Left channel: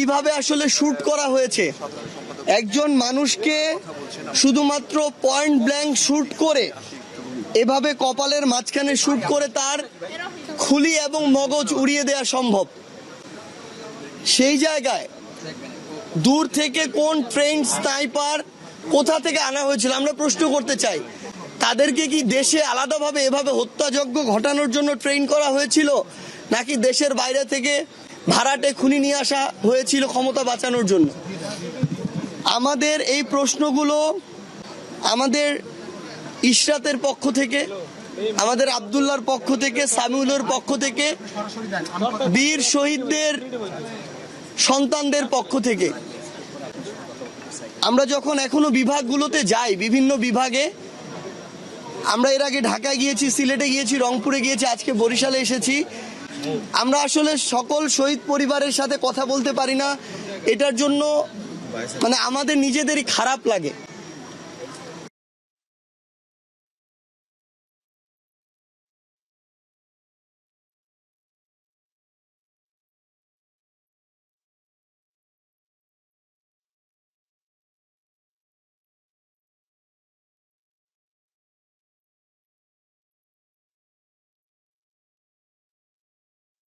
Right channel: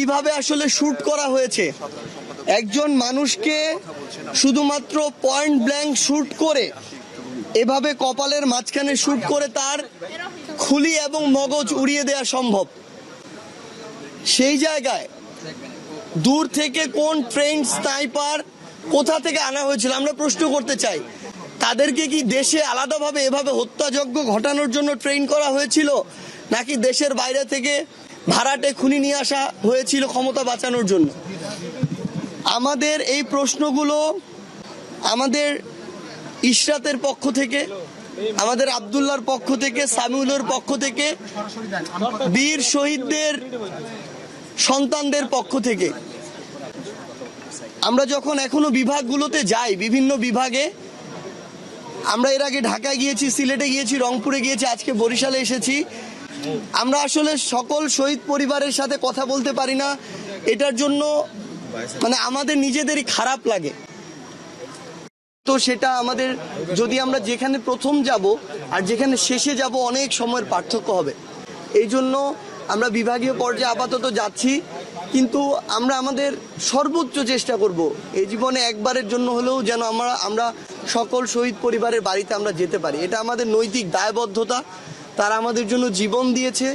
কিভাবে আসলে শুট করা হয়েছে। একজন মানুষকে শুধুমাত্র পয়েন্ট ব্ল্যাঙ্ক শুট করে, এভাবে কপালের মাঝখানে শুট করে তার খুলি এবং মগজ উড়িয়ে দেওয়া সম্ভব। সেই জায়গায় দূর থেকে কোন ট্রেন স্নাইপার কোথা থেকে আনা হয়েছিল আমরা প্রশ্ন করতে চাই। তাদেরকে কি দেশে আলাদাভাবে এভাবে হত্যাযজ্ঞ ঘটানোর জন্য ট্রেন করা হয়েছিল, নাকি দেশের বাইরে থেকে ভাড়াটে খুনি নিয়ে আসা হয়েছিল ক্ষমতা বাঁচানোর জন্য? আমাদের এই প্রশ্নগুলো আমাদের ইশরাতের পক্ষ থেকে, আমাদের আব্দুল্লাহর পক্ষ থেকে, সামিউলের পক্ষ থেকে, বীর শহীদদের সন্তানদের পক্ষ থেকে। আমরা যখন এখনো বিভাগগুলোতে যাই, বিভিন্ন বিভাগে, আমরা এর আগে ঢাকায় গিয়েছি, সিলেটে গিয়েছি, রংপুরে গিয়েছি, আজকে বরিশালে এসেছি, আমরা আসলে সকল শহীদ পরিবারের সাথে কথা বলতে পারি না। এটার জন্য মানে আমাদের নিজেদেরই খারাপ লাগে। তো সেটা আমাদের, যদি আমরা যেখানে প্রথম যাব আর যেখানে শেষে যাব অনেক সময়ের পার্থক্য হবে। এই জন্য আমরা বিভাগীয় পর্যায়ে আপাতত যাচ্ছি, কিন্তু আমরা আমাদের সর্বোচ্চ চেষ্টা করব এই জীবনে একবারের জন্য হলেও যেন আমরা সকল শহীদ পরিবারের বাড়িতে আমরা যেতে পারি। এটা আমাদের নৈতিক দায়বদ্ধতা। তারা আমাদের জন্য জীবন দিয়েছে,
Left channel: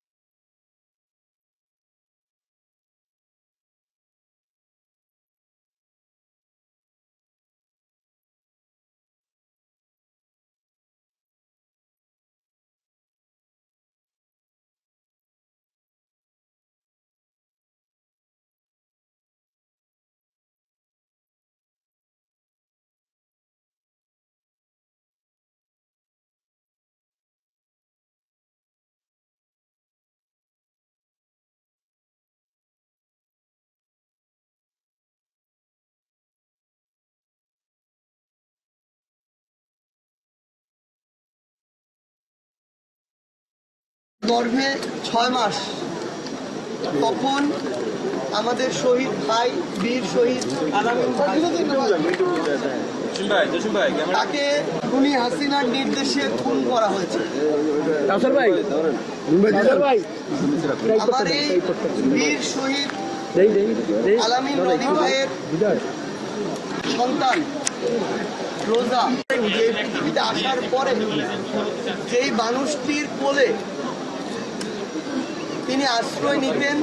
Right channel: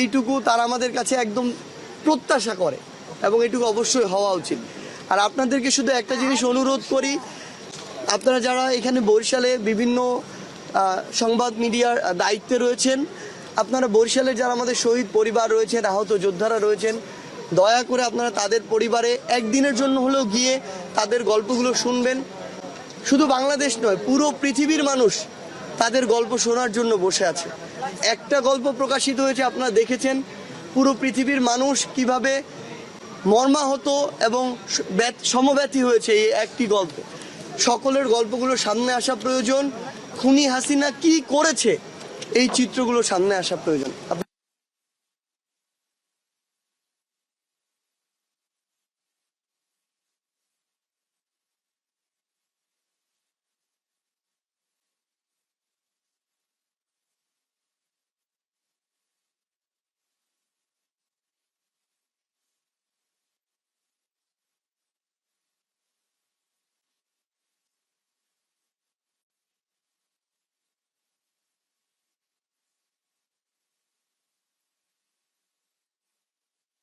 এইটুকু তারা আমাদের কাছে একদম প্রত্যাশা করে এবং এইটুকু অবশ্যই হওয়া উচিত। আর আপনাদেরকে শুধু একটা জিনিস অনুরোধ করি, আপনারা যারা এখানে বরিশালে বিভিন্ন সংবাদ মিডিয়ার দায়িত্বে রয়েছেন, আপনারা বরিশালের যারা আমাদের শহীদ পরিবার রয়েছেন, আহত যোদ্ধারা রয়েছেন, দয়া করে আপনারা তাদের পরিবারে একদিনের জন্য হলেও গিয়ে তাদের গল্পগুলো শুনবেন। শুধু বাংলাদেশ নয়, পুরো পৃথিবীর মানুষ তাদের গল্প শোনার জন্য বসে আছে। একটা গল্প প্রকাশিত হয়েছে, আপনারা দেখেছেন, পুরো পৃথিবীর মানুষ কিভাবে মর্মাহত এবং সমব্যথী হয়েছে এই একটি গল্প। সকলের গল্পগুলো সামনে আসা প্রয়োজন। খুনি হাসিনা কি করেছে এই চিত্রগুলো সামনে আসা প্রয়োজন। গর্ভে 6 মাস, তখন আমাদের শহীদ ভাই, বীর শহীদ তাকে খুনি হাসিনার নির্দেশে খুন করা হয়েছে। আমার এই বীর শহীদ আলামিন রনি ভাইয়ের সন্তান রোজা পৃথিবীতে আসার পরে যেই মানুষটির কোলে তিনি আশ্রয় নিতেন,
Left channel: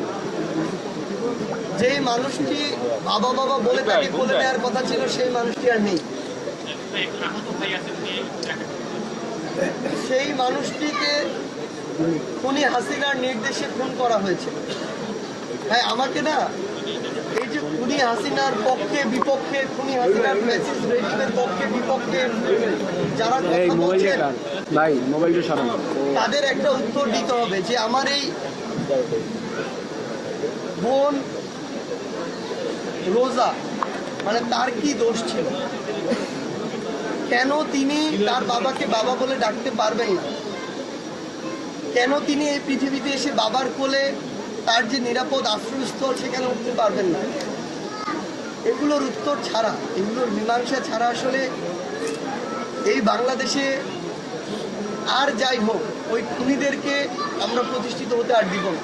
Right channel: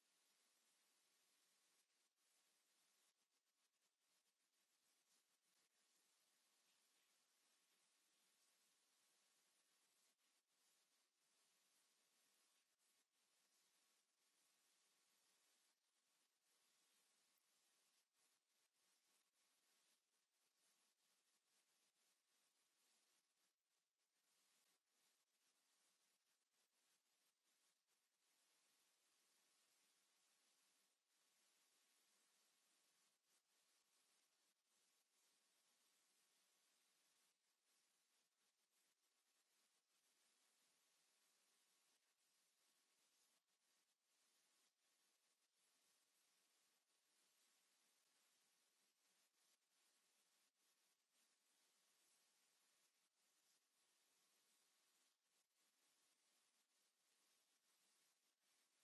যেই মানুষটি বাবা বাবা বলে তাকে কোলে নেওয়ার কথা ছিল, সেই মানুষটি আর নেই। সেই মানুষটিকে খুনি হাসিনার নির্দেশে খুন করা হয়েছে। হ্যাঁ, আমাকে না এই যে খুনি হাসিনার পক্ষে বিপক্ষে, খুনি হাসিনার ফ্যাসিস্ট রেজিমের পক্ষে বিপক্ষে যারা কথা বলছেন তাদের একটা উত্তর দিতে হবে যে আমার এই বোন রোজা মানে তার কি দোষ ছিল, কেন তিনি তার বাবাকে বাবা বলে ডাকতে পারবেন না, কেন তিনি এই পৃথিবীতে এসে বাবার কোলে তার যে নিরাপদ আশ্রয়স্থল সেখানে উঠতে পারবেন না। এগুলোর উত্তর ছাড়া, এগুলোর মীমাংসা ছাড়া আসলে এই বাংলাদেশে আর যাই হোক ওই খুনিদেরকে আমরা প্রতিষ্ঠিত হতে আর দিব না।